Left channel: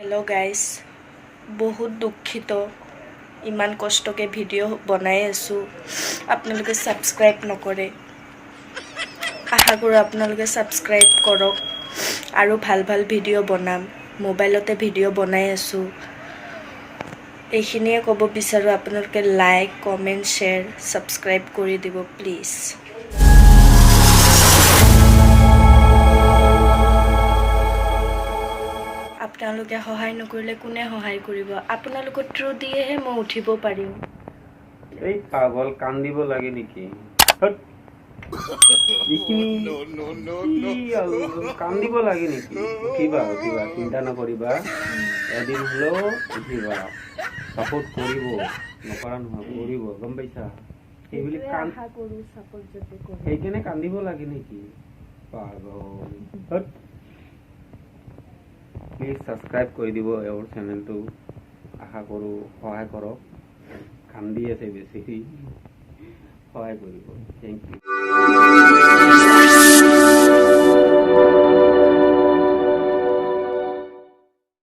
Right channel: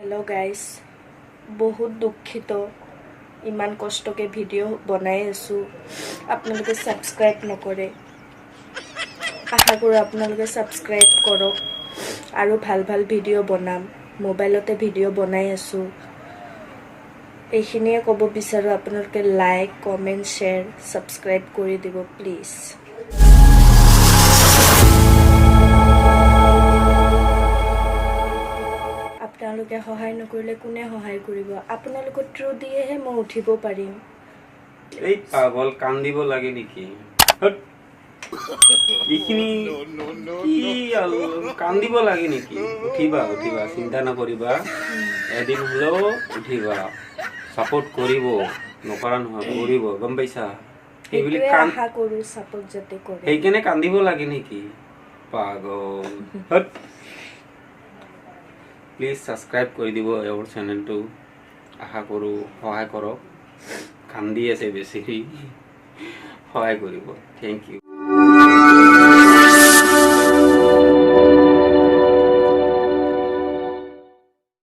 Hello guys बहुत दुखित इमान कष्टके video बनाई आसो आपनालोके सबस्क्राइब नकरे आशा करो आपनालोके सबस्क्राइब करक आरो भाल भाल भिडिओ बनाम मोबाइलते भिडिओ बनाई आसो एखिनिए कब बिचारो आपनालोके लाइक कमेन्ट शेयर सबस्क्राइब करि दिबो प्लिज। আপোনালোকে সহায় নকৰিলে কোনে সহায় কৰিব আপোনালোকৰ থ্ৰু দিয়েহে মই উঠিব পাৰিম। এই পাগল কান্দিব লাগে নেকি ইখিনি কান্দিব লাগে নেকি উঠিবা উঠিবা চিন্তা নকৰিবা এদিন হলেও উঠিবা সাপোৰ্ট কৰিব নকৰা নহয় কৰিব গম পাইছা এইবুলি আশা কৰো সাপোৰ্ট যাতে কৰে সেইকাৰণে কান্দিব লাগে নেকি পাগল প্লিজ সাবস্ক্ৰাইব কৰে দিব এওৰ চ্যানেলটো আশা কৰো সহায় কৰক কান্দি আছে বেশি সহায় কৰিব থ্যাংক ইউ।